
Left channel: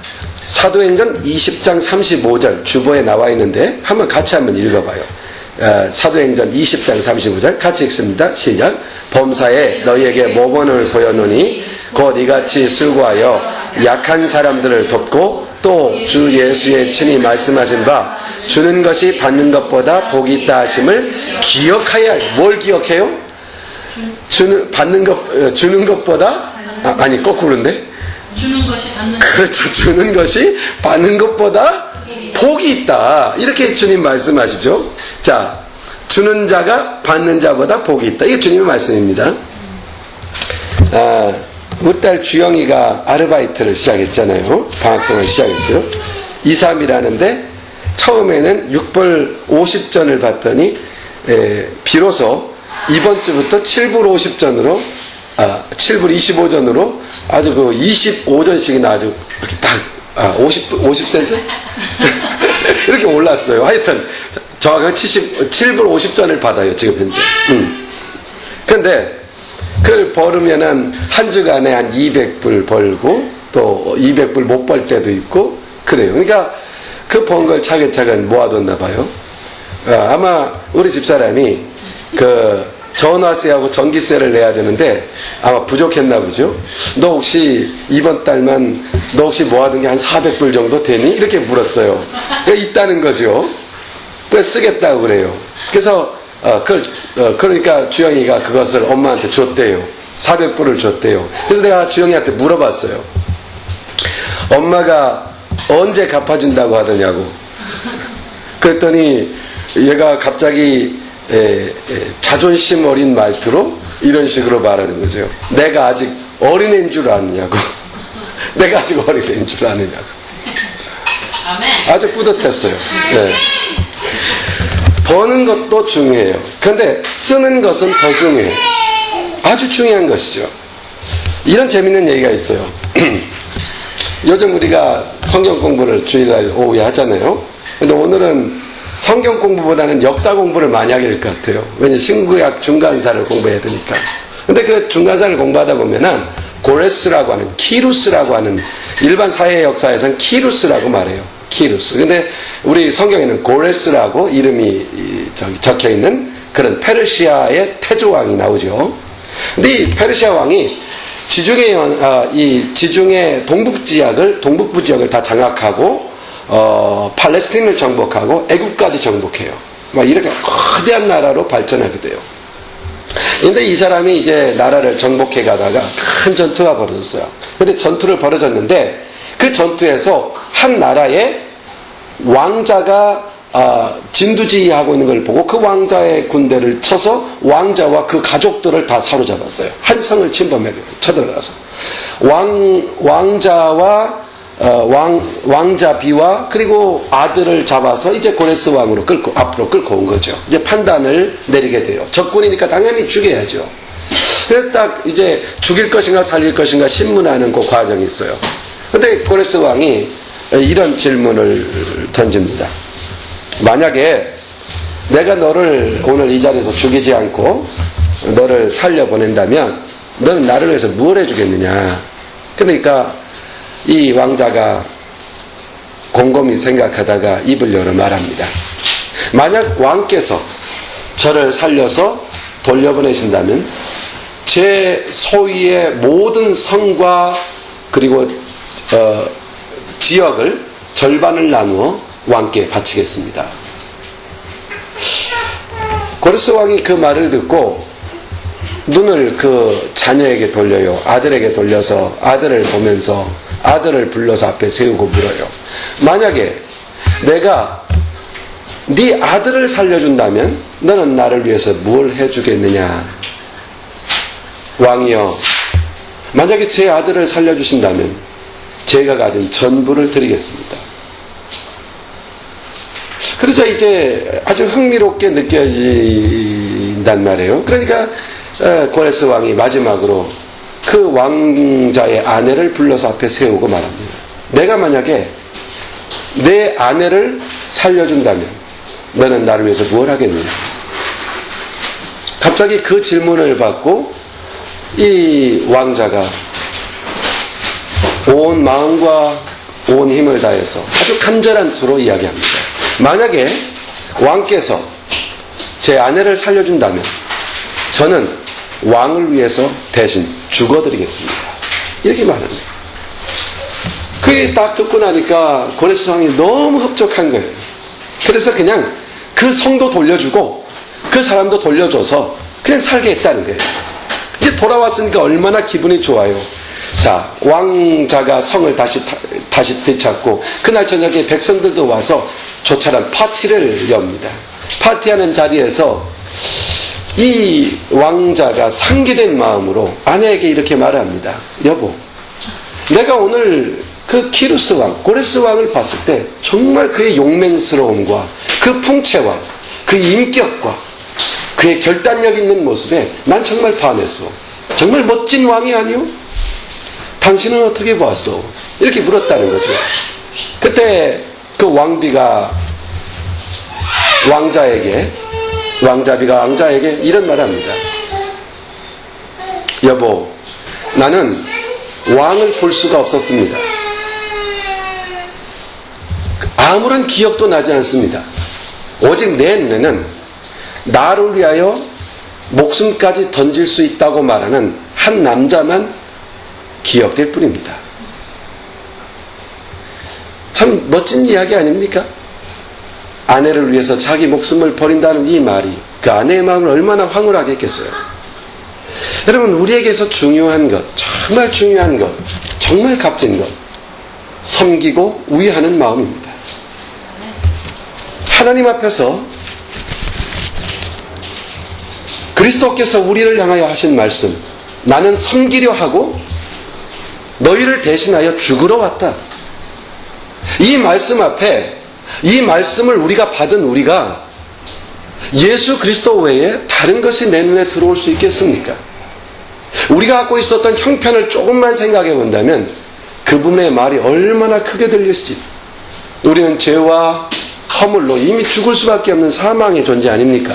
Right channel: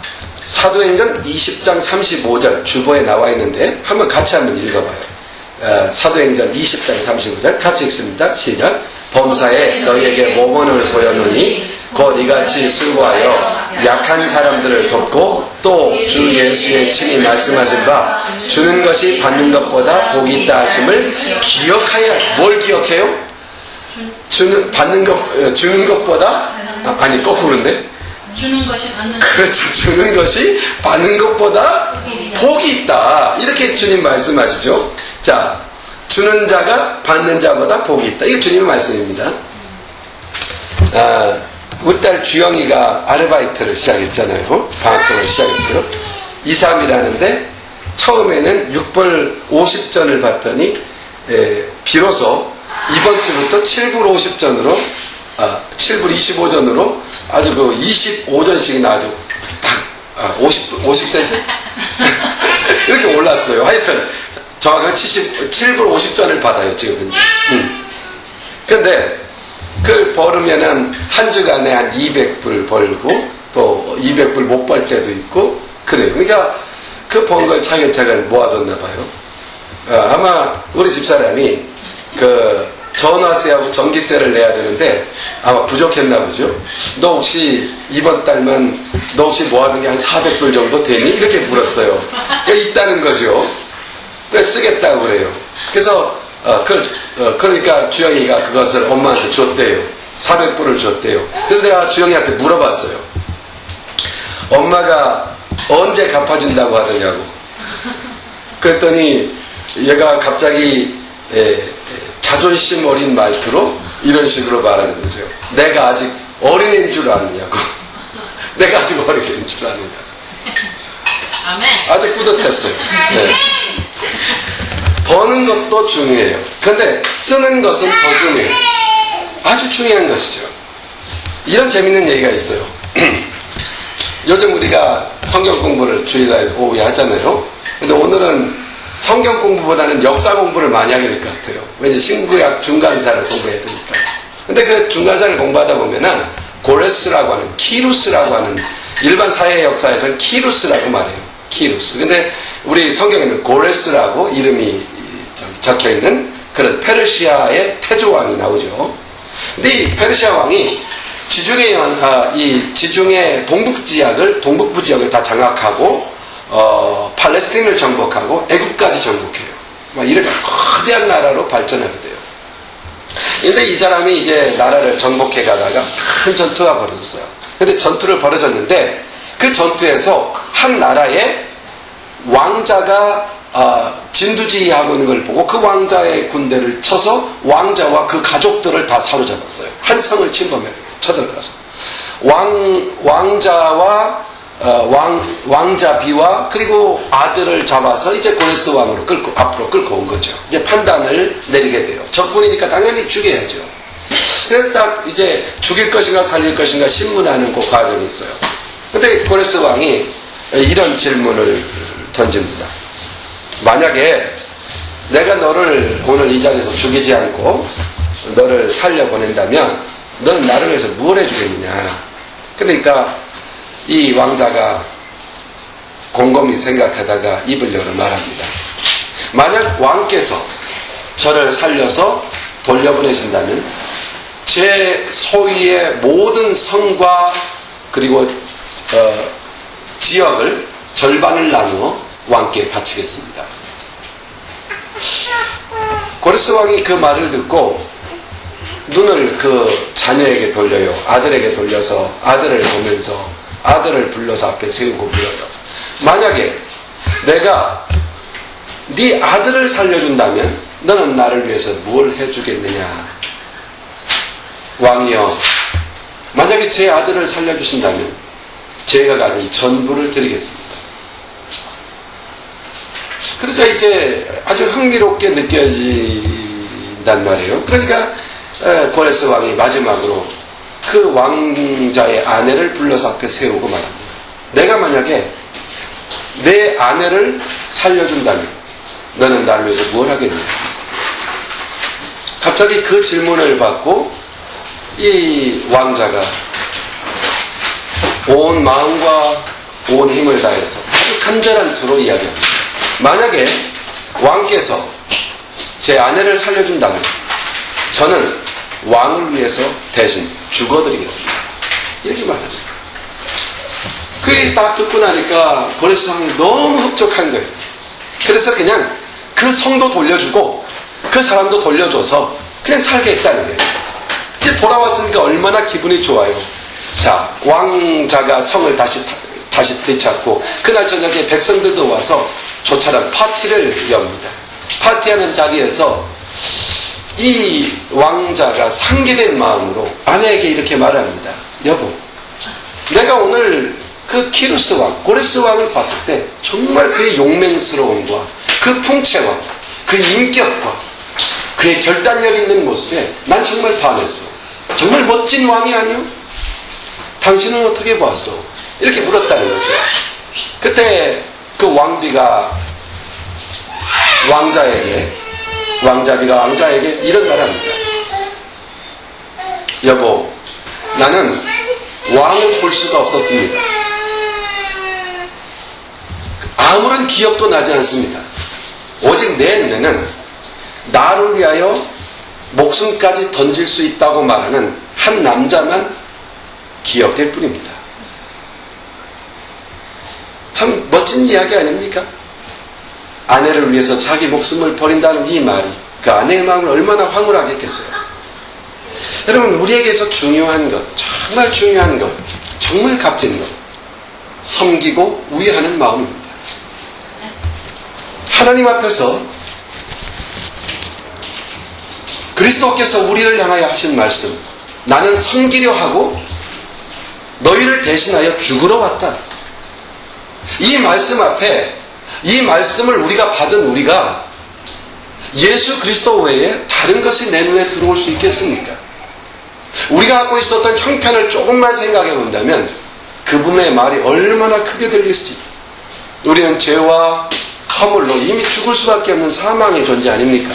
사도행전 20장 35절 주보에 나와 있는데 같이 한번 읽어봐요. 사도행전 20장 35절 같이 읽습니다. 시작. 범사에 너희에게 모범을 보여노니 곧 이같이 수고하여 약한 사람들을 돕고 또 주 예수의 친히 말씀하신 바 주는 것이 받는 것보다 복이 있다 하심을 기억하여야 해요. 뭘 기억해요? 주는 것보다 아니 거꾸로인데, 주는 것이 받는 그렇죠. 주는 것이 받는 것보다 복이 있다. 이렇게 주님 말씀하시죠. 자, 주는 자가 받는 자보다 복이 있다. 이게 주님의 말씀입니다. 우리 딸 주영이가 아르바이트를 시작했잖아요. 방학동을 시작했어요. 2, 3이라는데 처음에는 6불 50전을 받더니 비로소 이번 주부터 7불 50전으로 7불 25전으로 아주 그 25전씩이나 아주 이렇게 딱 50센트? 이렇게 올랐어요. 하여튼 정확하게 7불 50전을 받아요. 지금 현재. 근데 그걸 벌으면은 한 주간에 한 200불 벌고 또 200불 못 벌 때도 있고 그래요. 그러니까 그 번 걸 차근차근 모아뒀나 봐요. 아마 우리 집사람이 그 전화세하고 전기세를 내야 되는데 아마 부족했나 보죠. 너 혹시 이번 달만 너 혹시 모아둔 게 한 400불 정도 되니? 이렇게 물었어요. 있다는 거죠. 그래서 쓰겠다고 그래요. 그래서 그러니까 주영이가 그것을 엄마한테 줬대요. 400불을 줬대요. 그래서 내가 주영이한테 물어봤어요. 엄마가 언제 갚아준다고 하더냐고. 그랬더니 얘가 갑자기 자존심 어린 말투로 이런 식으로 말하는 거죠. 내가 아직 어린애인 줄 아느냐고. 내가 아직 어린애인 줄 아느냐고. 아멘. 아주 뿌듯했어요. 네. 버는 것도 중요해요. 그런데 쓰는 것은 더 중요해요. 아주 중요한 것이죠. 이런 재밌는 얘기가 있어요. 요즘 우리가 성경 공부를 주일날 오후에 하잖아요. 근데 오늘은 성경 공부보다는 역사 공부를 많이 하게 될 것 같아요. 왜냐면 신구약 중간사를 공부해야 되니까. 근데 그 중간사를 공부하다 보면은 고레스라고 하는, 키루스라고 하는, 일반 사회 역사에서는 키루스라고 말해요. 키루스. 근데 우리 성경에는 고레스라고 이름이 적혀 있는 그런 페르시아의 태조왕이 나오죠. 근데 이 페르시아 왕이 지중해 동북부 지역을 다 장악하고 팔레스틴을 정복하고 애국까지 정복해요. 막 이렇게 거대한 나라로 발전하게 돼요. 근데 이 사람이 이제 나라를 정복해 가다가 큰 전투가 벌어졌어요. 근데 전투를 벌어졌는데 그 전투에서 한 나라의 왕자가 진두지휘하고 있는 걸 보고 그 왕자의 군대를 쳐서 왕자와 그 가족들을 다 사로잡았어요. 한 성을 침범해 쳐들어가서 왕자와 왕자비와 그리고 아들을 잡아서 이제 고레스 왕으로 앞으로 끌고 온 거죠. 이제 판단을 내리게 돼요. 적군이니까 당연히 죽여야죠. 그래서 딱 이제 죽일 것인가 살릴 것인가 신문하는 그 과정이 있어요. 근데 고레스 왕이 이런 질문을 던집니다. 만약에 내가 너를 오늘 이 자리에서 죽이지 않고 너를 살려보낸다면 너는 나를 위해서 무엇을 해주겠느냐. 그러니까 이 왕자가 곰곰이 생각하다가 입을 열어 말합니다. 만약 왕께서 저를 살려서 돌려보내신다면 제 소유의 모든 성과 그리고 지역을 절반을 나누어 왕께 바치겠습니다. 고레스 왕이 그 말을 듣고 눈을 그 자녀에게 돌려요. 아들에게 돌려서 아들을 보면서 아들을 불러서 앞에 세우고 물어요. 만약에 내가 네 아들을 살려준다면 너는 나를 위해서 뭘 해주겠느냐. 왕이여, 만약에 제 아들을 살려주신다면 제가 가진 전부를 드리겠습니다. 그러자 이제 아주 흥미롭게 느껴진단 말이에요. 그러니까 고레스 왕이 마지막으로 그 왕자의 아내를 불러서 앞에 세우고 말합니다. 내가 만약에 내 아내를 살려준다면 너는 나를 위해서 뭘 하겠느냐. 갑자기 그 질문을 받고 이 왕자가 온 마음과 온 힘을 다해서 아주 간절한 투로 이야기합니다. 만약에 왕께서 제 아내를 살려준다면 저는 왕을 위해서 대신 죽어드리겠습니다. 이렇게 말합니다. 그게 딱 듣고 나니까 고레스 왕이 너무 흡족한 거예요. 그래서 그냥 그 성도 돌려주고 그 사람도 돌려줘서 그냥 살게 했다는 거예요. 이제 돌아왔으니까 얼마나 기분이 좋아요. 자, 왕자가 성을 다시 되찾고 그날 저녁에 백성들도 와서 조차란 파티를 엽니다. 파티하는 자리에서 이 왕자가 상기된 마음으로 아내에게 이렇게 말합니다. 여보, 내가 오늘 그 키루스 왕, 고레스 왕을 봤을 때 정말 그의 용맹스러움과 그 풍채와 그 인격과 그의 결단력 있는 모습에 난 정말 반했어. 정말 멋진 왕이 아니오? 당신은 어떻게 보았어? 이렇게 물었다는 거죠. 그때 그 왕비가 왕자에게 이런 말 합니다. 여보, 나는 왕을 볼 수가 없었습니다. 아무런 기억도 나지 않습니다. 오직 내 눈에는 나를 위하여 목숨까지 던질 수 있다고 말하는 한 남자만 기억될 뿐입니다. 참 멋진 이야기 아닙니까? 아내를 위해서 자기 목숨을 버린다는 이 말이 그 아내의 마음을 얼마나 황홀하게 했겠어요. 여러분, 우리에게서 중요한 것, 정말 중요한 것, 정말 값진 것, 섬기고 우애하는 마음입니다. 하나님 앞에서 그리스도께서 우리를 향하여 하신 말씀, 나는 섬기려 하고 너희를 대신하여 죽으러 왔다. 이 말씀 앞에, 이 말씀을 우리가 받은 우리가 예수 그리스도 외에 다른 것이 내 눈에 들어올 수 있겠습니까? 우리가 갖고 있었던 형편을 조금만 생각해 본다면 그분의 말이 얼마나 크게 들렸을지. 우리는 죄와 허물로 이미 죽을 수밖에 없는 사망의 존재 아닙니까?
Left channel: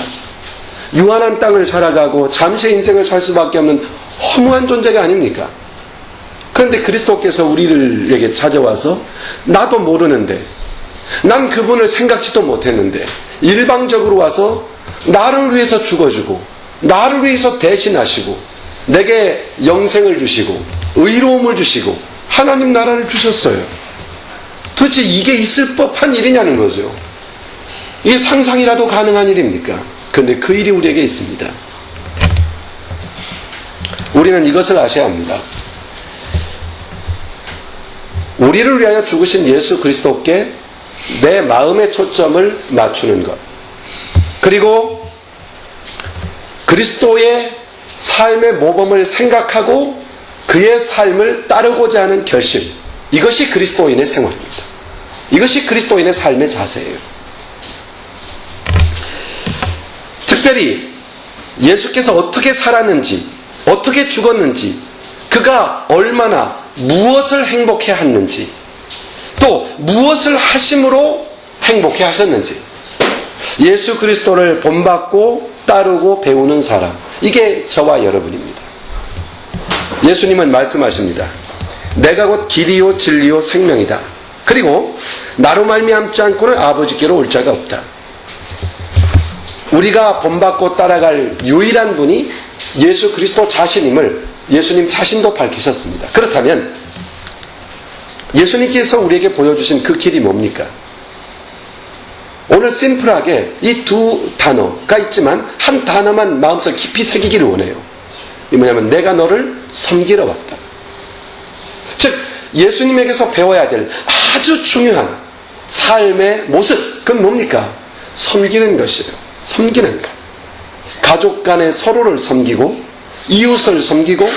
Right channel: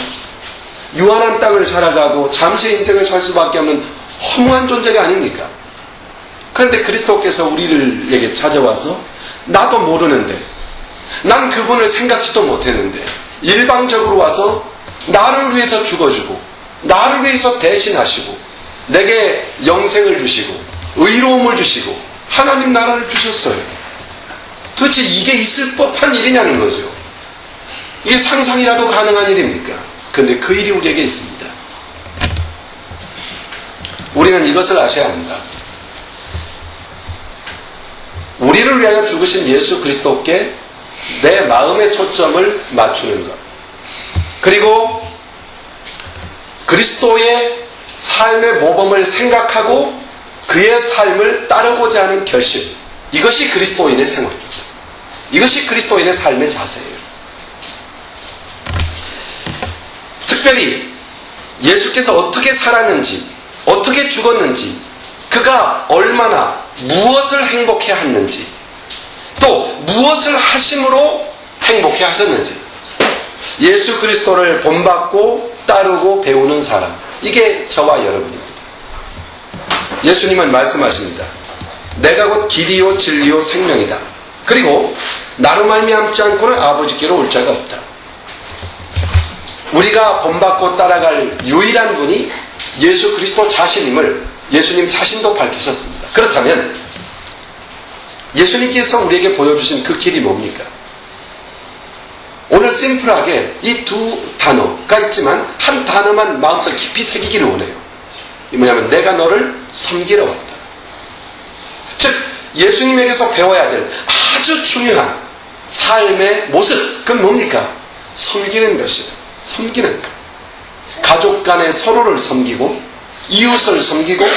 유한한 땅을 살아가고 잠시의 인생을 살 수밖에 없는 허무한 존재가 아닙니까? 그런데 그리스도께서 우리에게 찾아와서 나도 모르는데, 난 그분을 생각지도 못했는데 일방적으로 와서 나를 위해서 죽어주고 나를 위해서 대신하시고 내게 영생을 주시고 의로움을 주시고 하나님 나라를 주셨어요. 도대체 이게 있을 법한 일이냐는 거죠. 이게 상상이라도 가능한 일입니까? 그런데 그 일이 우리에게 있습니다. 우리는 이것을 아셔야 합니다. 우리를 위하여 죽으신 예수 그리스도께 내 마음의 초점을 맞추는 것, 그리고 그리스도의 삶의 모범을 생각하고 그의 삶을 따르고자 하는 결심, 이것이 그리스도인의 생활입니다. 이것이 그리스도인의 삶의 자세예요. 특별히 예수께서 어떻게 살았는지, 어떻게 죽었는지, 그가 얼마나 무엇을 행복해 했는지, 또 무엇을 하심으로 행복해 하셨는지, 예수 그리스도를 본받고 따르고 배우는 사람, 이게 저와 여러분입니다. 예수님은 말씀하십니다. 내가 곧 길이요 진리요 생명이다. 그리고 나로 말미암지 않고는 아버지께로 올 자가 없다. 우리가 본받고 따라갈 유일한 분이 예수 그리스도 자신임을 예수님 자신도 밝히셨습니다. 그렇다면 예수님께서 우리에게 보여주신 그 길이 뭡니까? 오늘 심플하게 이 두 단어가 있지만 한 단어만 마음속 깊이 새기기를 원해요. 이 뭐냐면 내가 너를 섬기러 왔다. 즉 예수님에게서 배워야 될 아주 중요한 삶의 모습, 그건 뭡니까? 섬기는 것이에요. 섬기는 것. 가족 간에 서로를 섬기고 이웃을 섬기고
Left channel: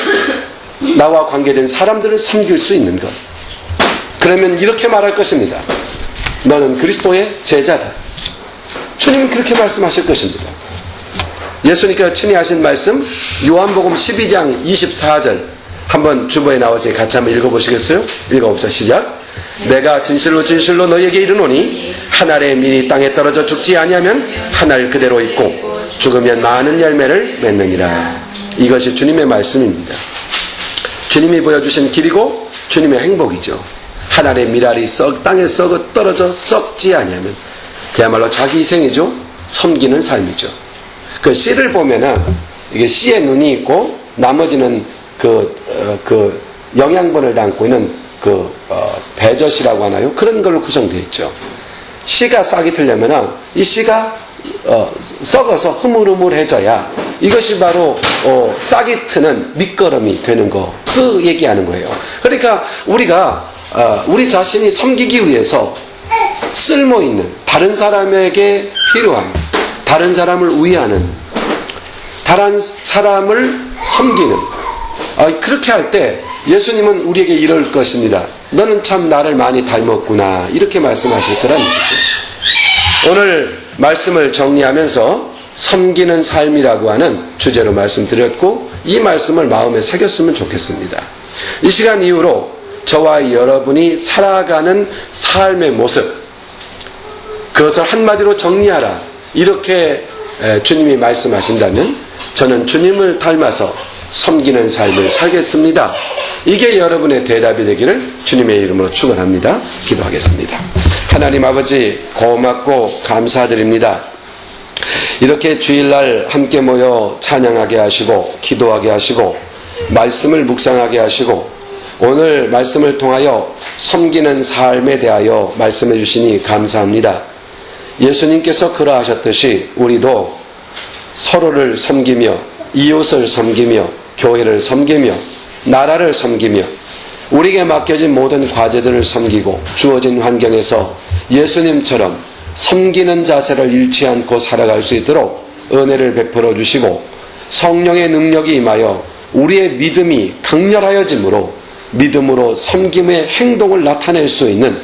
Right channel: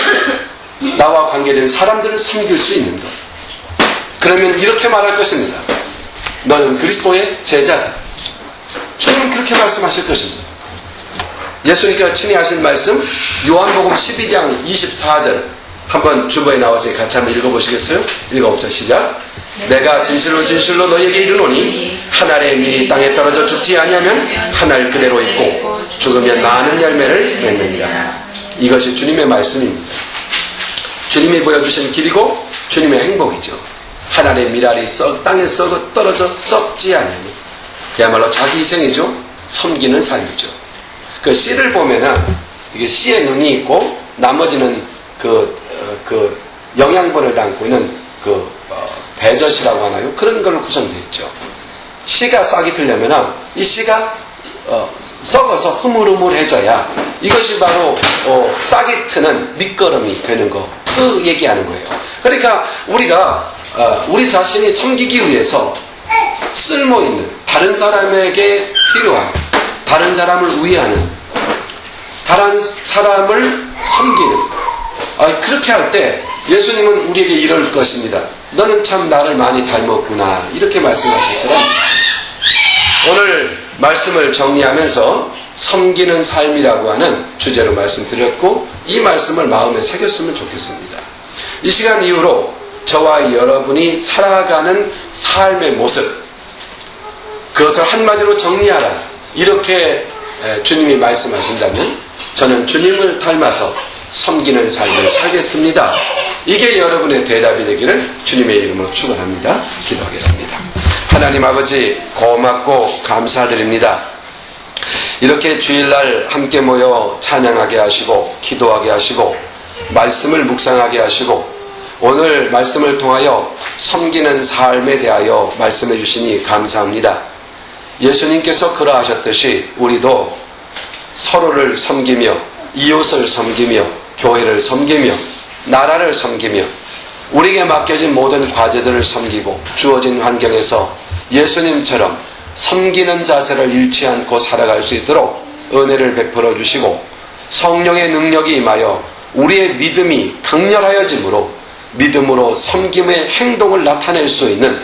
나와 관계된 사람들을 섬길 수 있는 것. 그러면 이렇게 말할 것입니다. 너는 그리스도의 제자다. 주님은 그렇게 말씀하실 것입니다. 예수님께서 친히 하신 말씀 요한복음 12장 24절 한번 주보에 나와서 같이 한번 읽어보시겠어요? 읽어봅시다. 시작. 내가 진실로 진실로 너희에게 이르노니 한 알의 밀이 땅에 떨어져 죽지 아니하면 한 알 그대로 있고 죽으면 많은 열매를 맺느니라. 이것이 주님의 말씀입니다. 주님이 보여주신 길이고 주님의 행복이죠. 한 알의 밀알이 땅에 썩어 떨어져 썩지 아니하면 그야말로 자기 희생이죠. 섬기는 삶이죠. 그 씨를 보면은 이게 씨에 눈이 있고 나머지는 그 영양분을 담고 있는 배젖이라고 하나요? 그런 걸로 구성되어 있죠. 씨가 싹이 틀려면은 이 씨가 썩어서 흐물흐물해져야 이것이 바로 싹이 트는 밑거름이 되는 거, 그 얘기하는 거예요. 그러니까 우리가 우리 자신이 섬기기 위해서 쓸모있는, 다른 사람에게 필요한, 다른 사람을 위하는, 다른 사람을 섬기는, 그렇게 할 때 예수님은 우리에게 이럴 것입니다. 너는 참 나를 많이 닮았구나, 이렇게 말씀하실 거란 얘기죠. 오늘 말씀을 정리하면서 섬기는 삶이라고 하는 주제로 말씀드렸고, 이 말씀을 마음에 새겼으면 좋겠습니다. 이 시간 이후로 저와 여러분이 살아가는 삶의 모습, 그것을 한마디로 정리하라, 이렇게 주님이 말씀하신다면 저는 주님을 닮아서 섬기는 삶을 살겠습니다. 이게 여러분의 대답이 되기를 주님의 이름으로 축원합니다. 기도하겠습니다. 하나님 아버지, 고맙고 감사드립니다. 이렇게 주일날 함께 모여 찬양하게 하시고 기도하게 하시고 말씀을 묵상하게 하시고 오늘 말씀을 통하여 섬기는 삶에 대하여 말씀해 주시니 감사합니다. 예수님께서 그러하셨듯이 우리도 서로를 섬기며 이웃을 섬기며 교회를 섬기며 나라를 섬기며 우리에게 맡겨진 모든 과제들을 섬기고 주어진 환경에서 예수님처럼 섬기는 자세를 잃지 않고 살아갈 수 있도록 은혜를 베풀어 주시고 성령의 능력이 임하여 우리의 믿음이 강렬하여짐으로 믿음으로 섬김의 행동을 나타낼 수 있는,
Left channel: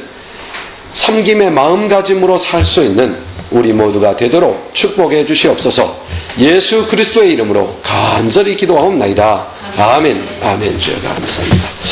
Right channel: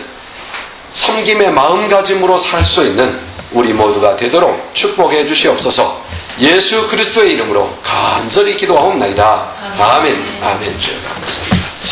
섬김의 마음가짐으로 살 수 있는 우리 모두가 되도록 축복해 주시옵소서. 예수 그리스도의 이름으로 간절히 기도하옵나이다. 아멘. 아멘. 주여 감사합니다.